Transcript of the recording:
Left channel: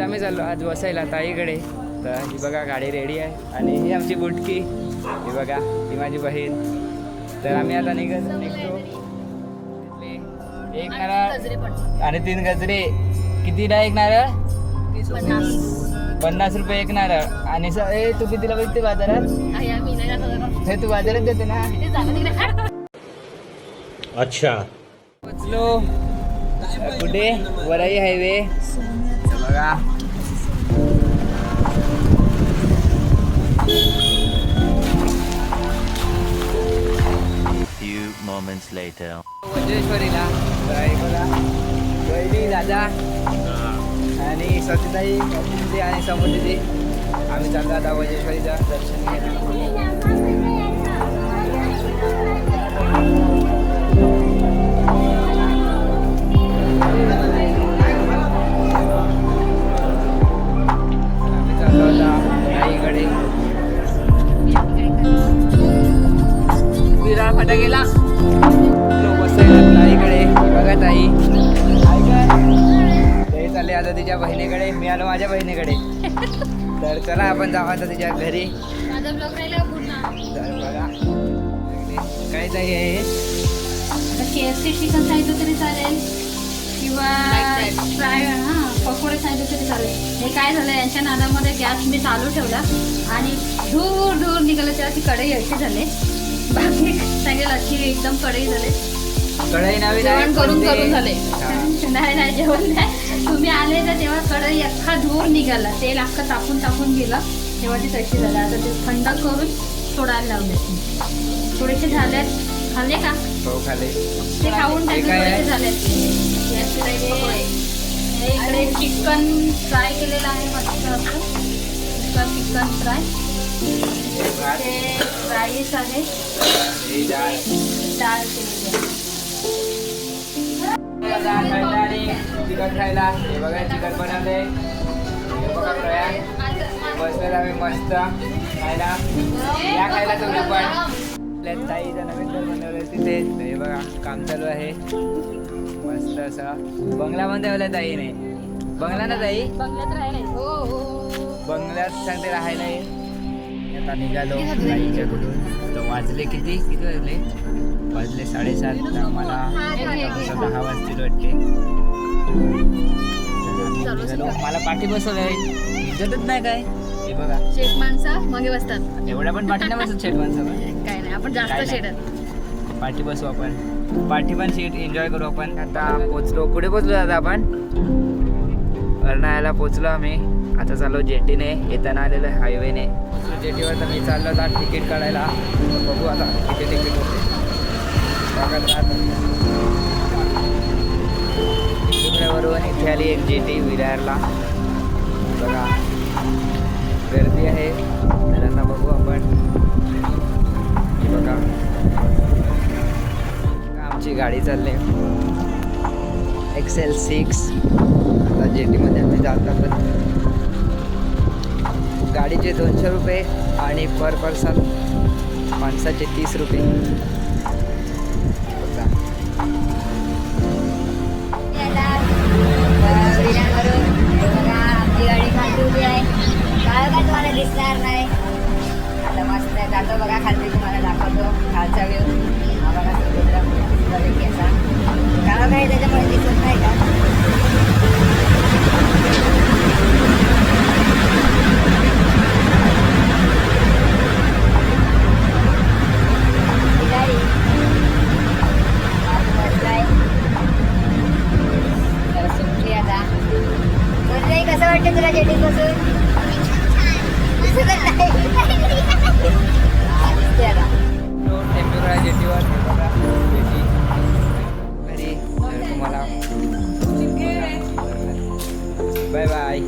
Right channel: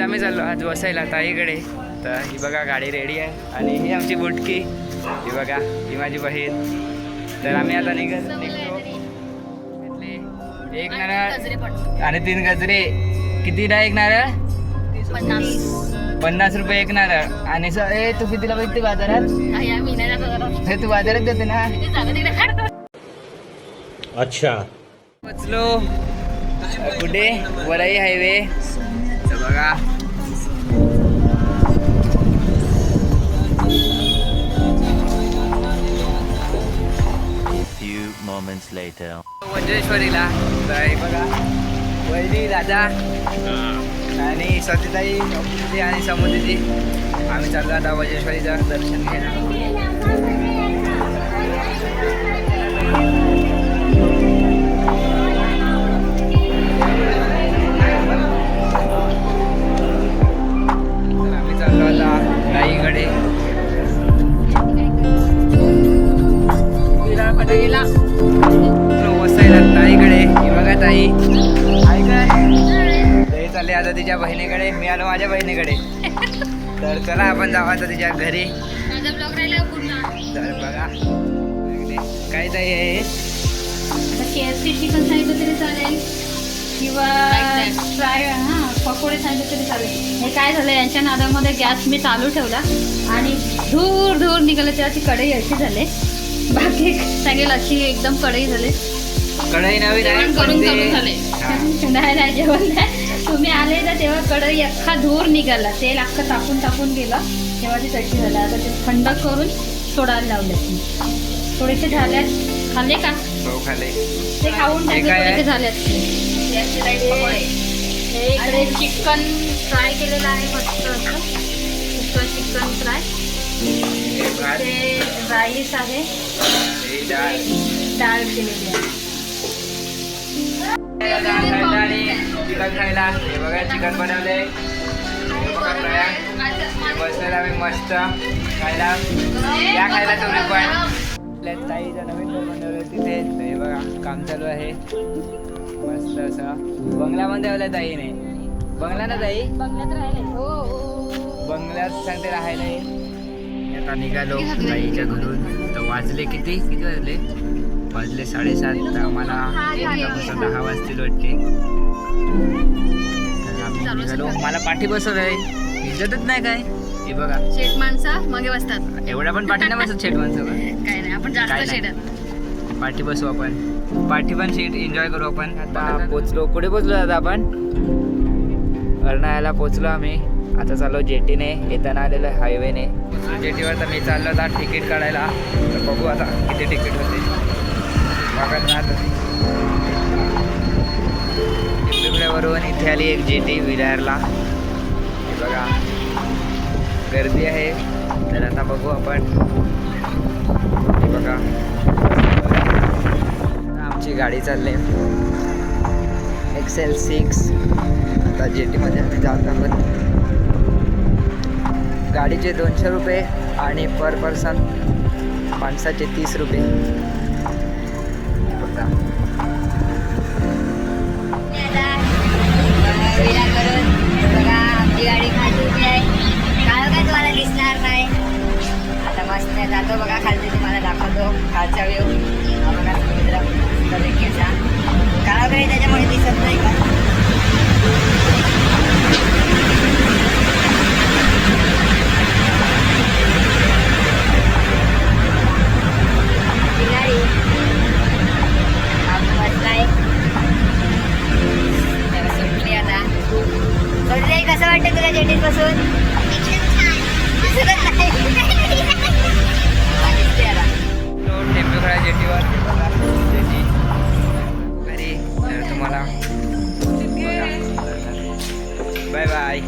आम्ही चाललो आज वसायला ताईकडे. तर ही बघा गाडी रेडी आहे आणि ही आमची बुटकी, ही बघा ही माझी बहीण. तर आम्ही आता निघतो. एक नारळ आणि 3 गजरे. कितीला एक नारळ? 50 रुपये एक नारळ. आणि तू कितीला बघते बाजारात? हे तू बाजारात देते ना. अच्छा पोचलो कुठे? वराई हायवे. बघा वज्रेश्वरीला. तर बघा वैदी दादा आणि सतीताई आणि समुद्रीजी. आम्ही चाललो आता वज्रेश्वरीचं दर्शन घ्यायला. ताईकडे ताईकडे बघा ताई काय ताई चालले आता तिच्या बहिणीकडे. मी आलो माझ्या बहिणीकडे. तर चला आपण जाऊ आता तिच्या घरी. तर बघा काय ताई आहे KFC चिकन सांगितलं तरी चालेल किंवा फ्राय पकोडे सांगितलं तरी चालेल. हे काय झालं यांच्या नादामध्ये गॅस मी चालू ठेवला आणि धूर धूर निघालं. त्याची कढई अशी झाले. बाकी सांगेल अशी एकदम कढई झाले. कढई नवीन आहे नाही जेवण नाही. तुम्ही आले ना तेव्हा कढई अख्खा धूर निघाला. तेल अख्खं टाकून टाकून गेलं तेव्हा ती तशी झाली. आता ते थंड करून सोडायला लावले. थोडेसे झाले. खाल्ले का? हो खाल्ले. ते खाऊन झाले. इकडे चिकन फ्राय केलेलं आहे मस्त असं. Chicken fry. ते राईस आहे. डाळ केलेली आहे. चिकन खायला. हे बघा चिकन बनवले. हे बघा प्रयाण बसलेला आम्ही मस्त खायला. या खायला तुम्ही पण. ताईचं नवीन घर बनवलं तिथे. हे बघा काम चालू आहे मस्त असं. बंगल्यामध्ये ठेवलं ताईने. बंगला ना ताई? बंगल्यात सांगते राहायला. आता निघालो ताईच्या घरून. तर वाजले किती वाजले? 7:30. तर आम्हाला 10 वाजतील वाटते. तर आम्ही निघालो. मला पाठी बसवलंय. इज्जतच नाही काय. हे बघा शेट माणसं मागे बसतात. एवढ्या पण पाठी नाही बसत शेट माणसं. काय नाही आपण जास्त शेटात पाठी बसू आपण. पाठी पण सीट एन्जॉय करू आपण. आता पोचलो. कुठे पोचलो आता आपण? अर्नाळ्याला पोचलो आम्ही. आता चाललो जेटीने. येताना आलेलं हायवेने. पोचलो जेटीवर. तर मी चाललो आता तिकीट काढायला. तर बघू आता किती तिकीट होते. बघत राहत. पिंपळेवरून इथे आली एक जेटी विरारला. बघा गर्दी आहे. तर आता बघू आपण. हे बघा आमची गाडी चालली XL6. आता जेटीमध्ये आम्ही जात आहोत. गाडीचे 200 रुपये आणि पर पर्सन माणसाचे 30 रुपये. बघा तुम्हाला दिसणार नाही. आता मस्त जातो बघा खालती. तुम्हाला दाखवतो खालचा व्ह्यू. हा बघा समुद्र कसा काळा काही त्याच्यामुळे दिसत नाही का. गाडी बसलाय. सुटली आता. कसं वाटतं तुला जेटीत बसून? टेम्पोरा जेटीवर. बघा जेटी घरी. तर तुम्हाला बाय बाय.